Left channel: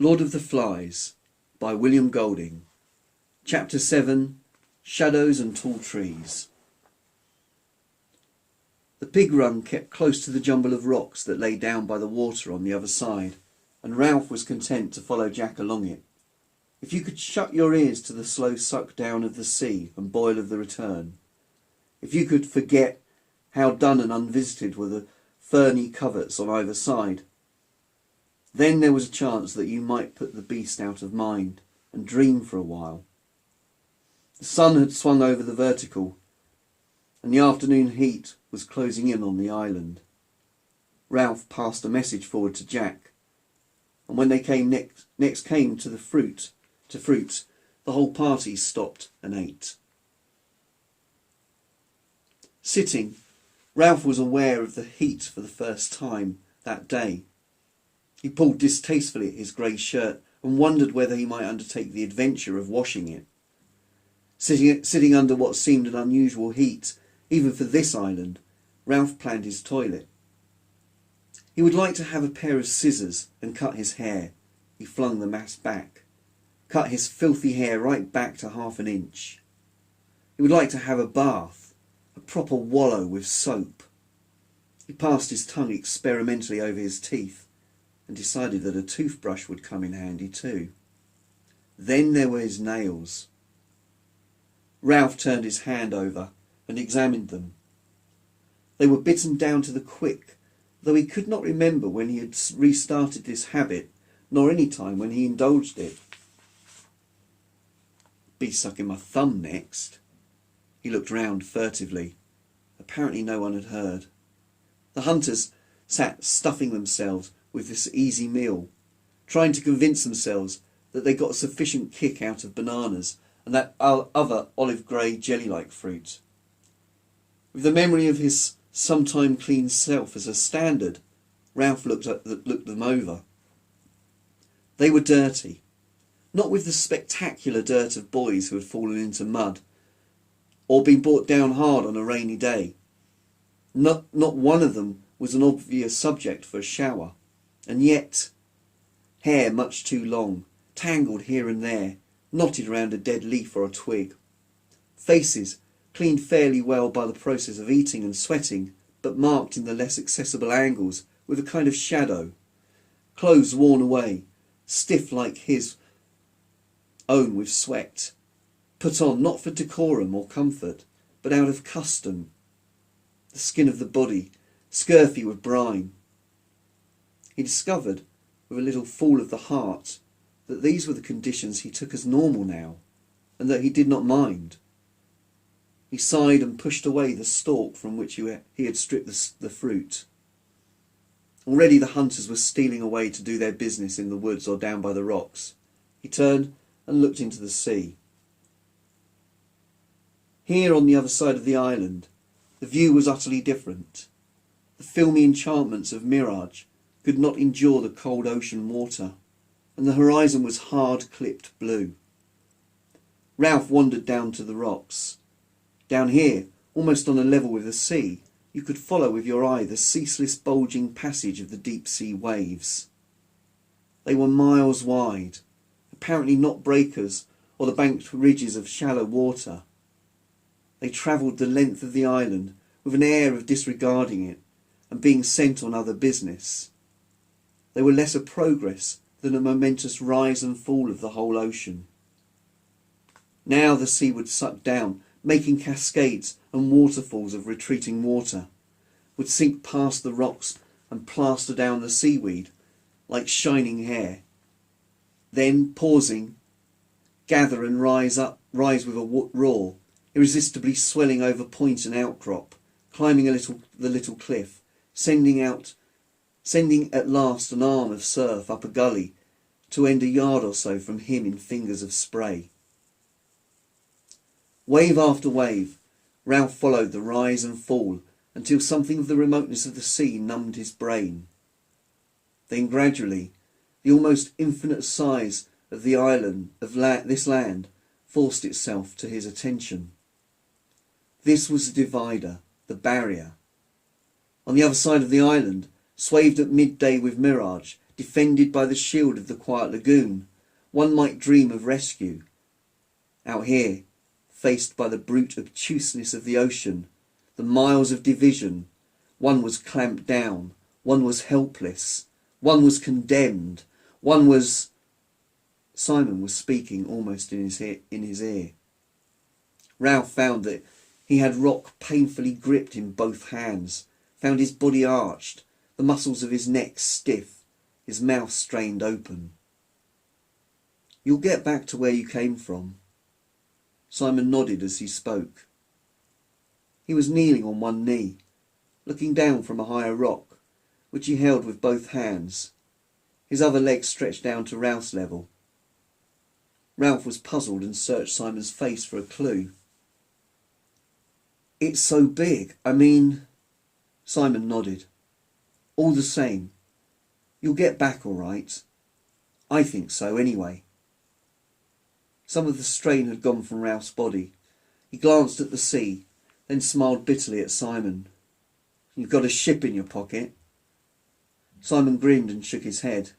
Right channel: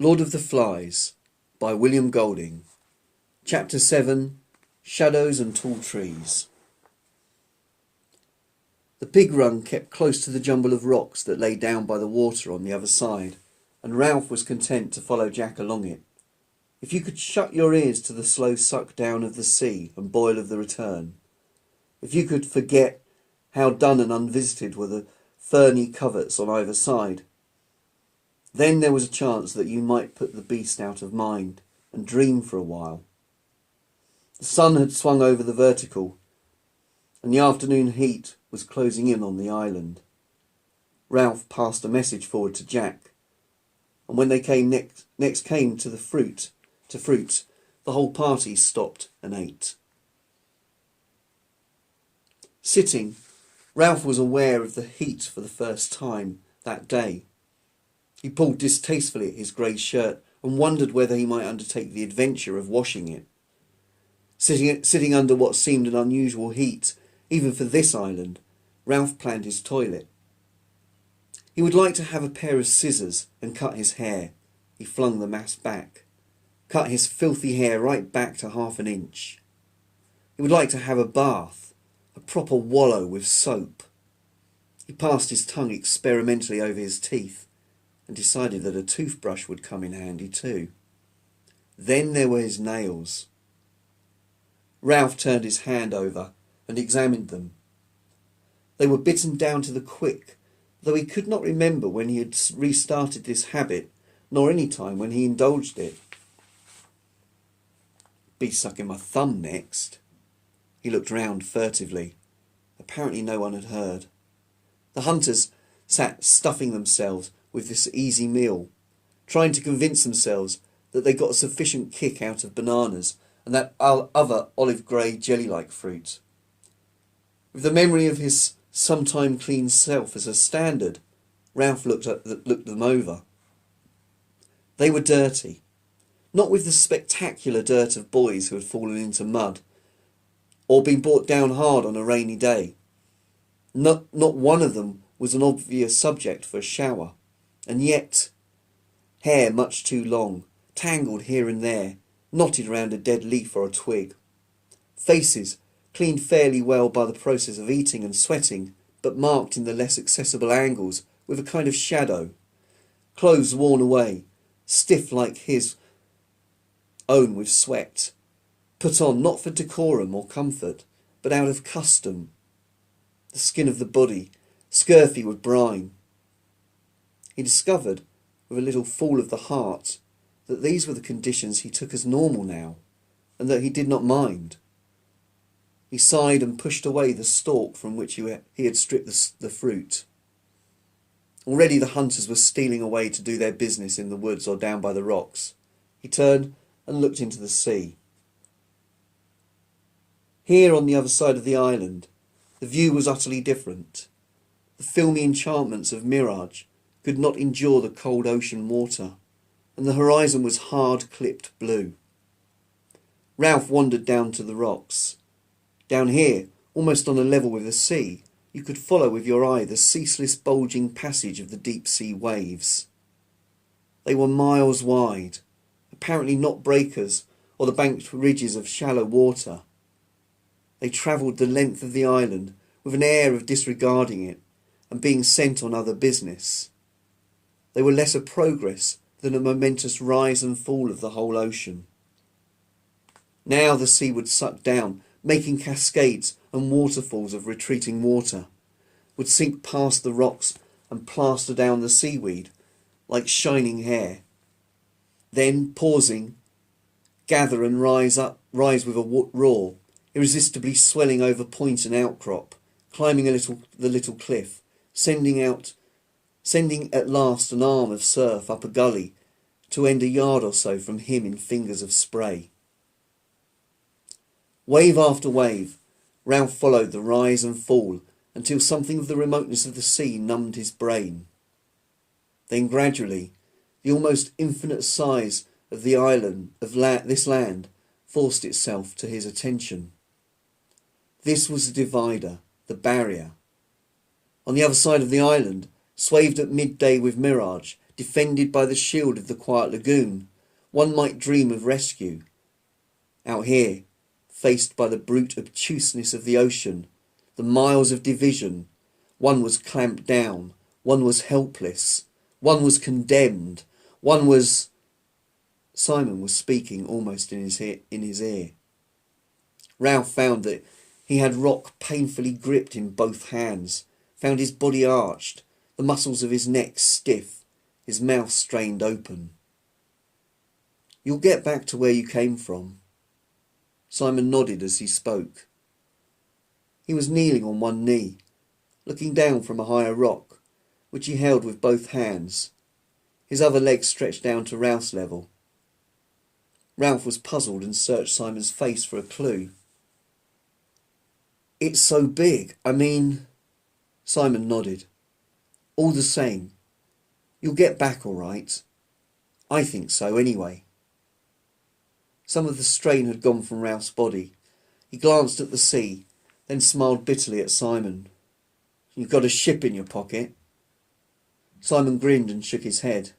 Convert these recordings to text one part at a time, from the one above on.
Lord of the Flies by William Golding. Chapter 7. Shadows and Tall Trees. The pig run kept close to the jumble of rocks that lay down by the water on the other side, and Ralph was content to follow Jack along it. If you could shut your ears to the slow suck down of the sea and boil of the return, if you could forget how dun and unvisited were the ferny coverts on either side, then there was a chance that you might put the beast out of mind and dream for a while. The sun had swung over the vertical, and the afternoon heat was closing in on the island. Ralph passed a message forward to Jack, and when they next came to fruit, the whole party stopped and ate. Sitting, Ralph was aware of the heat for the first time that day. He pulled distastefully at his grey shirt and wondered whether he might undertake the adventure of washing it. Sitting under what seemed an unusual heat, even for this island, Ralph planned his toilet. He would like to have a pair of scissors and cut his hair. He flung the mass back. Cut his filthy hair right back to 1/2 an inch. He would like to have a bath, a proper wallow with soap. He passed his tongue experimentally over his teeth and decided that a toothbrush would come in handy too. Then there were his nails. Ralph turned his hand over and examined them. They were bitten down to the quick, though he could not remember when he had restarted this habit, nor any time when he indulged it. Be sucking my thumb next. He looked round furtively. Apparently no one had heard. The hunters sat stuffing themselves with this easy meal, trying to convince themselves that they got a sufficient kick out of bananas and that other olive-grey jelly-like fruit. With the memory of his sometime clean self as a standard, Ralph looked them over. They were dirty, not with the spectacular dirt of boys who had fallen into mud or been brought down hard on a rainy day. Not one of them was an obvious subject for a shower, and yet hair much too long, tangled here and there, knotted round a dead leaf or a twig. Faces cleaned fairly well by the process of eating and sweating, but marked in the less accessible angles with a kind of shadow. Clothes worn away, stiff like his own with sweat, put on not for decorum or comfort, but out of custom. The skin of the body, scurfy with brine. He discovered, with a little fall of the heart, that these were the conditions he took as normal now, and that he did not mind. He sighed and pushed away the stalk from which he had stripped the fruit. Already the hunters were stealing away to do their business in the woods or down by the rocks. He turned and looked into the sea. Here on the other side of the island, the view was utterly different. The filmy enchantments of mirage could not endure the cold ocean water, and the horizon was hard-clipped blue. Ralph wandered down to the rocks. Down here, almost on a level with the sea, you could follow with your eye the ceaseless bulging passage of the deep-sea waves. They were miles wide, apparently not breakers or the banked ridges of shallow water. They travelled the length of the island with an air of disregarding it and being sent on other business. They were less a progress than a momentous rise and fall of the whole ocean. Now the sea would suck down, making cascades and waterfalls of retreating water, would sink past the rocks and plaster down the seaweed like shining hair. Then, pausing, gather and rise with a roar, irresistibly swelling over point and outcrop, climbing the little cliff, sending at last an arm of surf up a gully to end a yard or so from him in fingers of spray. Wave after wave, Ralph followed the rise and fall until something of the remoteness of the sea numbed his brain. Then gradually, the almost infinite size of the island this land forced itself to his attention. This was the divider, the barrier. On the other side of the island, swathed at midday with mirage, defended by the shield of the quiet lagoon, one might dream of rescue. Out here, faced by the brute obtuseness of the ocean, the miles of division, one was clamped down, one was helpless, one was condemned, one was... Simon was speaking almost in his ear. Ralph found that he had rock painfully gripped in both hands, found his body arched, the muscles of his neck stiff, his mouth strained open. "You'll get back to where you came from." Simon nodded as he spoke. He was kneeling on one knee, looking down from a higher rock, which he held with both hands, his other leg stretched down to Ralph's level. Ralph was puzzled and searched Simon's face for a clue. "It's so big, I mean..." Simon nodded. "All the same, you'll get back all right. I think so, anyway." Some of the strain had gone from Ralph's body. He glanced at the sea, then smiled bitterly at Simon. "You've got a ship in your pocket?" Simon grinned and shook his head.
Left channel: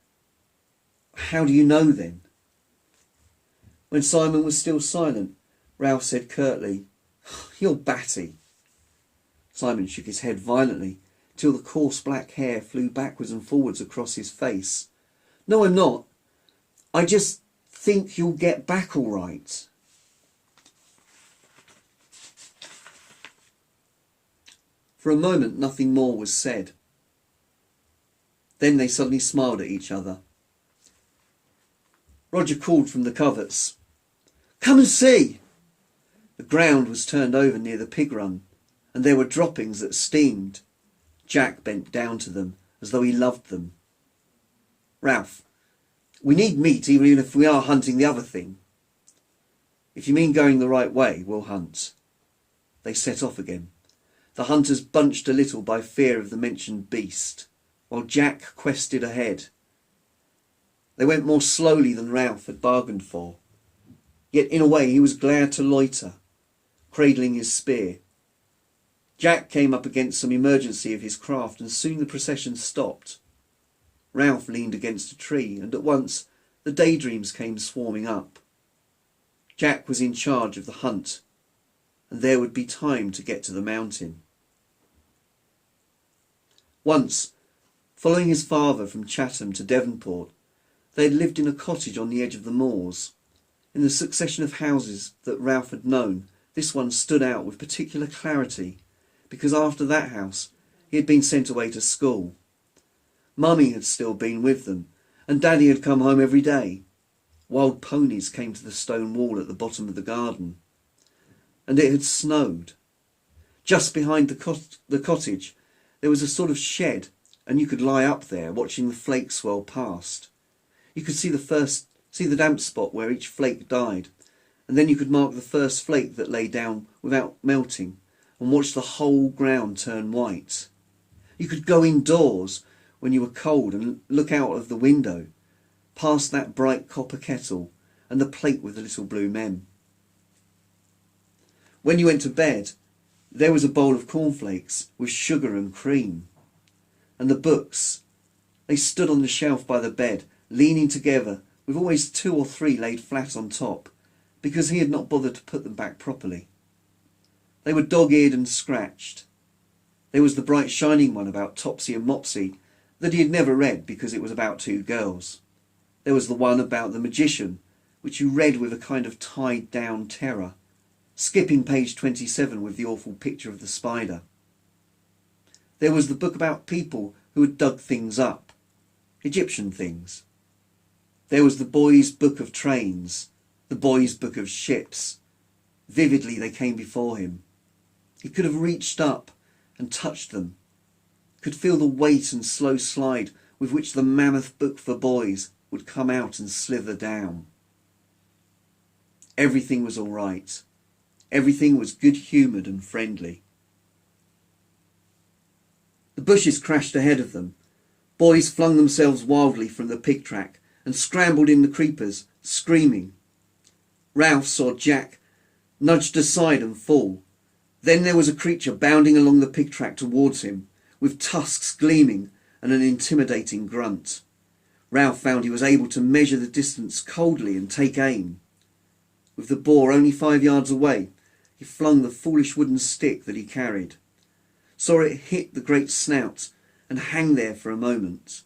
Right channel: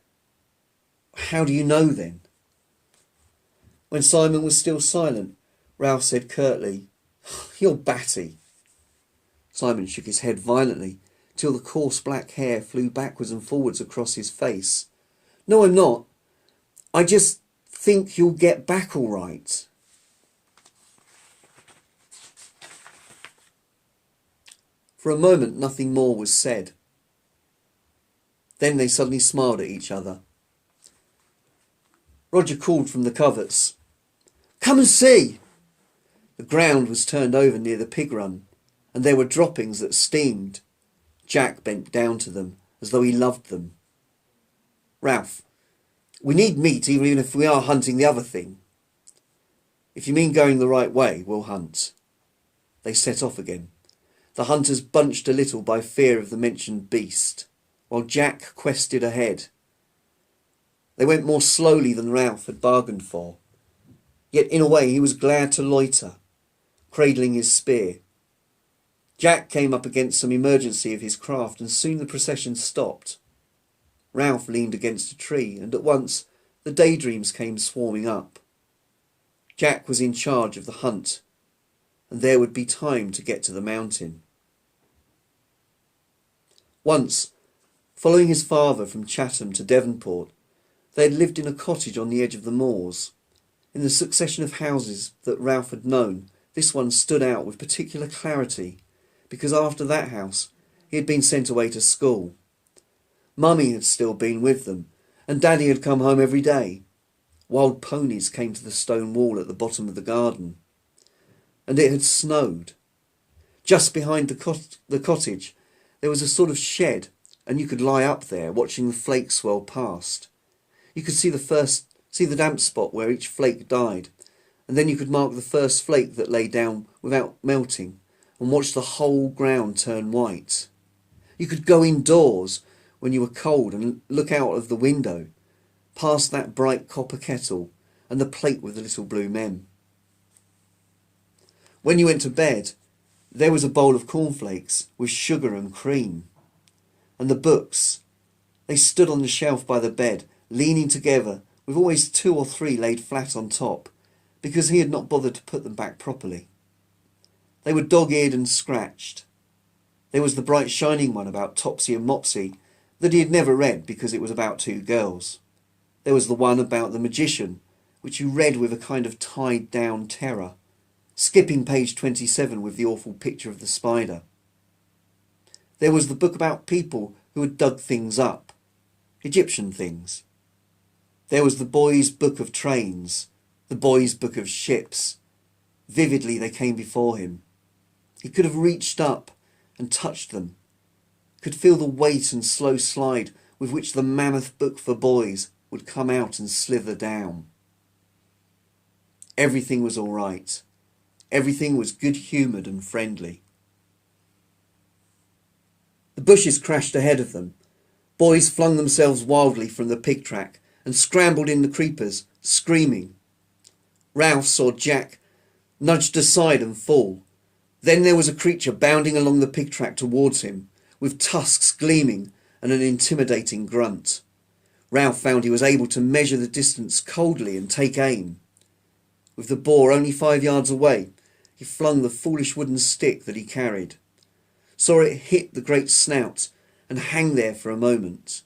"How do you know then?" When Simon was still silent, Ralph said curtly, "You're batty." Simon shook his head violently, till the coarse black hair flew backwards and forwards across his face. "No, I'm not. I just think you'll get back all right." For a moment nothing more was said. Then they suddenly smiled at each other. Roger called from the coverts, "Come and see!" The ground was turned over near the pig run, and there were droppings that steamed. Jack bent down to them, as though he loved them. "Ralph, we need meat even if we are hunting the other thing." "If you mean going the right way, we'll hunt." They set off again. The hunters bunched a little by fear of the mentioned beast, while Jack quested ahead. They went more slowly than Ralph had bargained for. Yet in a way he was glad to loiter, cradling his spear. Jack came up against some emergency of his craft, and soon the procession stopped. Ralph leaned against a tree, and at once the daydreams came swarming up. Jack was in charge of the hunt, and there would be time to get to the mountain. Once, following his father from Chatham to Devonport, they had lived in a cottage on the edge of the moors. In the succession of houses that Ralph had known, this one stood out with particular clarity, because after that house he had been sent away to school. Mummy had still been with them, and Daddy had come home every day. Wild ponies came to the stone wall at the bottom of the garden. And it had snowed. Just behind the cottage there was a sort of shed, and you could lie up there watching the flakes swirl past. You could see the damp spot where each flake died, and then you could mark the first flake that lay down without melting, and watch the whole ground turn white. You could go indoors when you were cold and look out of the window, past that bright copper kettle and the plate with the little blue mem. When you went to bed, there was a bowl of cornflakes with sugar and cream. And the books, they stood on the shelf by the bed, leaning together, with always 2 or 3 laid flat on top, because he had not bothered to put them back properly. They were dog-eared and scratched. There was the bright shining one about Topsy and Mopsy that he had never read because it was about 2 girls. There was the one about the magician, which you read with a kind of tied-down terror, skipping page 27 with the awful picture of the spider. There was the book about people who had dug things up, Egyptian things. There was the boy's book of trains, the boy's book of ships. Vividly they came before him. He could have reached up and touched them, could feel the weight and slow slide with which the mammoth book for boys would come out and slither down. Everything was all right. Everything was good-humoured and friendly. The bushes crashed ahead of them. Boys flung themselves wildly from the pig track and scrambled in the creepers, screaming. Ralph saw Jack nudged aside and fall. Then there was a creature bounding along the pig track towards him, with tusks gleaming and an intimidating grunt. Ralph found he was able to measure the distance coldly and take aim. With the boar only 5 yards away, he flung the foolish wooden stick that he carried, saw it hit the great snout and hang there for a moment.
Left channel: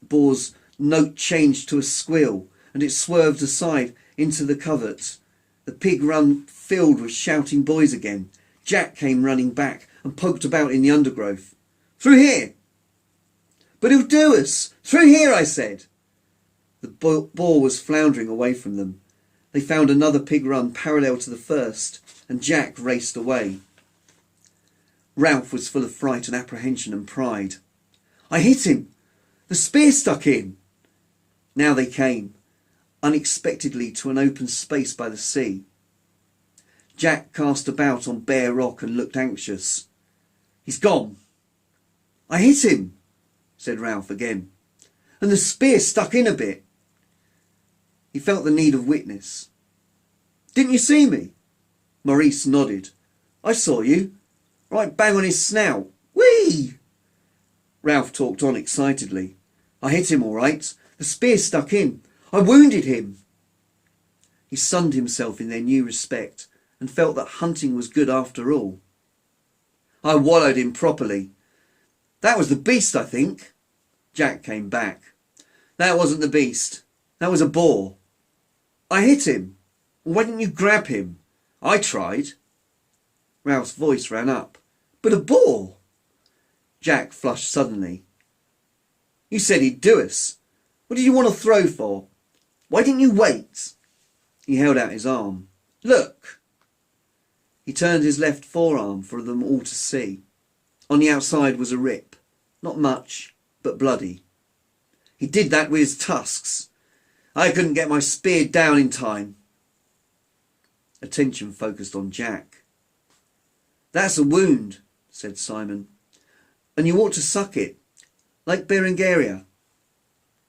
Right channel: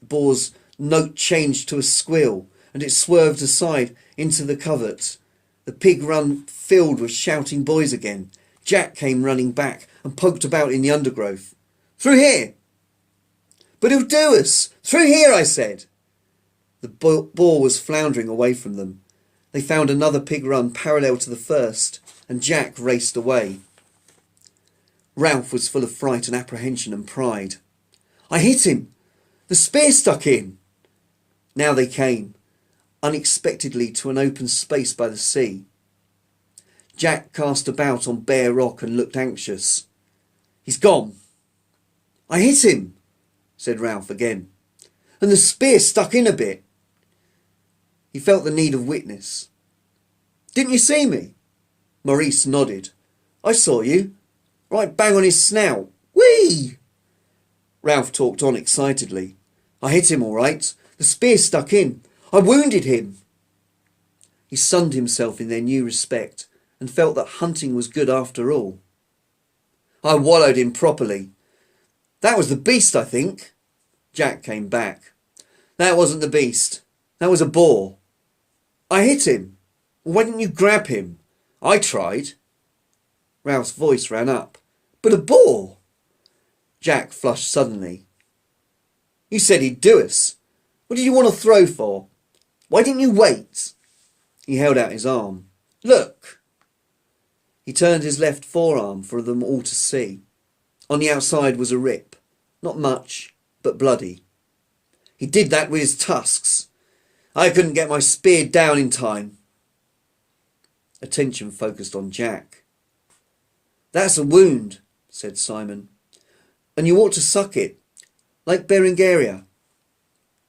The boar's note changed to a squeal, and it swerved aside into the covert. The pig run filled with shouting boys again. Jack came running back and poked about in the undergrowth. "Through here!" "But he'll do us! Through here, I said!" The boar was floundering away from them. They found another pig run parallel to the first, and Jack raced away. Ralph was full of fright and apprehension and pride. "I hit him! The spear stuck in!" Now they came, unexpectedly, to an open space by the sea. Jack cast about on bare rock and looked anxious. "He's gone." "I hit him," said Ralph again, "and the spear stuck in a bit." He felt the need of witness. "Didn't you see me?" Maurice nodded. "I saw you. Right bang on his snout. Whee!" Ralph talked on excitedly. "I hit him all right. The spear stuck in. I wounded him." He sunned himself in their new respect and felt that hunting was good after all. "I wallowed him properly. That was the beast, I think." Jack came back. "That wasn't the beast. That was a boar." "I hit him. Why didn't you grab him?" "I tried." Ralph's voice ran up. "But a boar!" Jack flushed suddenly. "You said he'd do us. What did you want to throw for? Why didn't you wait?" He held out his arm. "Look." He turned his left forearm for them all to see. On the outside was a rip. Not much, but bloody. "He did that with his tusks. I couldn't get my spear down in time." Attention focused on Jack. "That's a wound," said Simon, "and you ought to suck it, like Berengaria."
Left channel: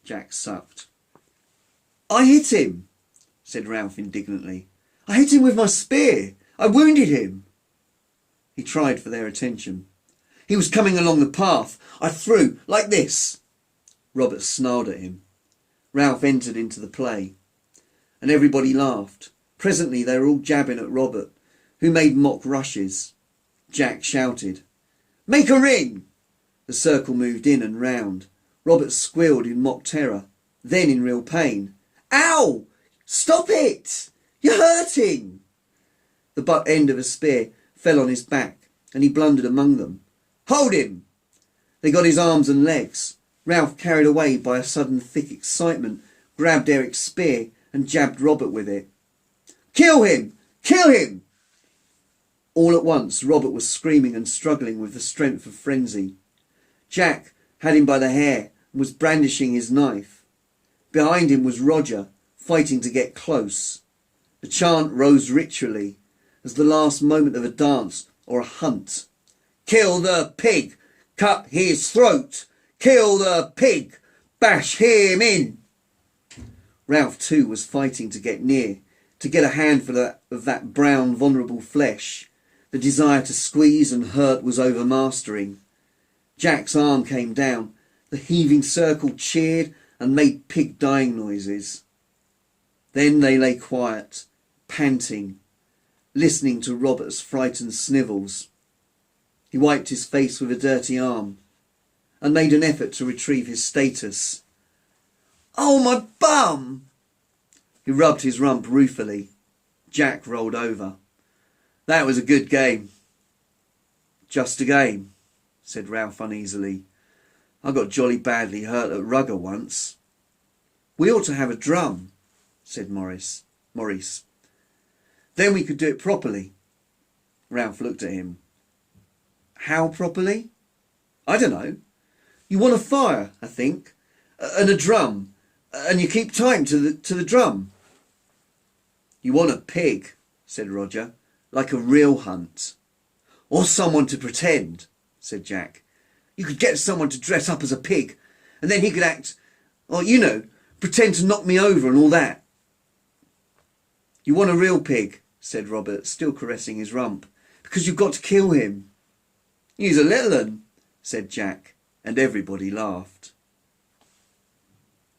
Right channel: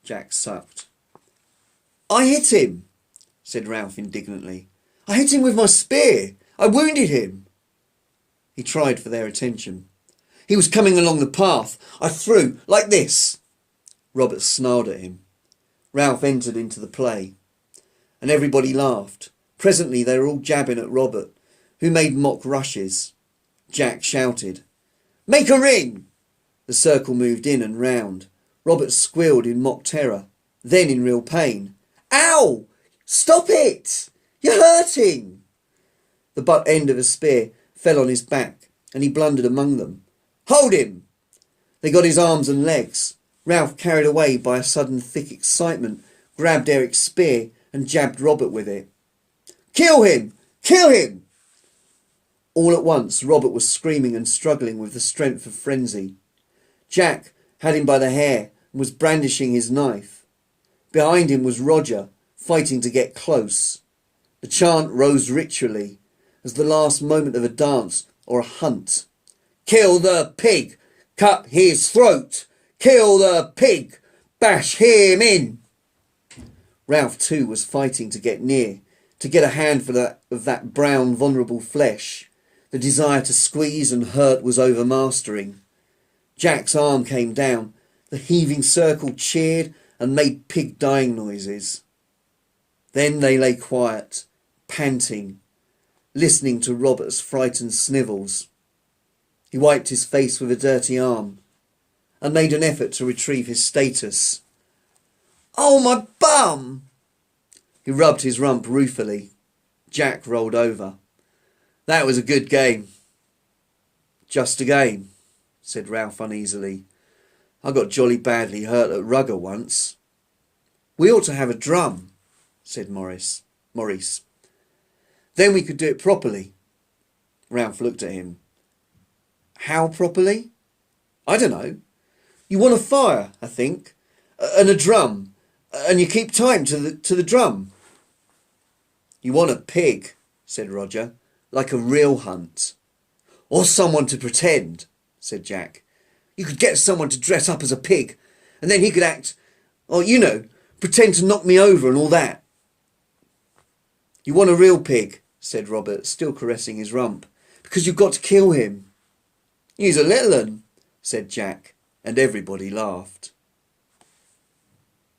Jack sucked. "I hit him," said Ralph indignantly. "I hit him with my spear. I wounded him." He tried for their attention. "He was coming along the path. I threw, like this." Robert snarled at him. Ralph entered into the play, and everybody laughed. Presently they were all jabbing at Robert, who made mock rushes. Jack shouted, "Make a ring!" The circle moved in and round. Robert squealed in mock terror, then in real pain. "Ow! Stop it! You're hurting!" The butt end of a spear fell on his back, and he blundered among them. "Hold him!" They got his arms and legs. Ralph, carried away by a sudden thick excitement, grabbed Eric's spear and jabbed Robert with it. "Kill him! Kill him!" All at once Robert was screaming and struggling with the strength of frenzy. Jack had him by the hair and was brandishing his knife. Behind him was Roger, fighting to get close. The chant rose ritually, as the last moment of a dance or a hunt. "Kill the pig! Cut his throat! Kill the pig! Bash him in!" Ralph too was fighting to get near, to get a handful of that brown vulnerable flesh. The desire to squeeze and hurt was overmastering. Jack's arm came down. The heaving circle cheered and made pig dying noises. Then they lay quiet, panting, listening to Robert's frightened snivels. He wiped his face with a dirty arm and made an effort to retrieve his status. "Oh, my bum!" He rubbed his rump ruefully. Jack rolled over. "That was a good game." "Just a game," said Ralph uneasily. "I got jolly badly hurt at rugger once." "We ought to have a drum," said Maurice. "Then we could do it properly." Ralph looked at him. "How properly?" "I don't know. You want a fire, I think, and a drum, and you keep time to the drum." "You want a pig," said Roger, "like a real hunt." "Or someone to pretend," said Jack. "You could get someone to dress up as a pig, and then he could act, or, you know, pretend to knock me over and all that." "You want a real pig," said Robert, still caressing his rump, "because you've got to kill him." "He's a little un," said Jack, and everybody laughed.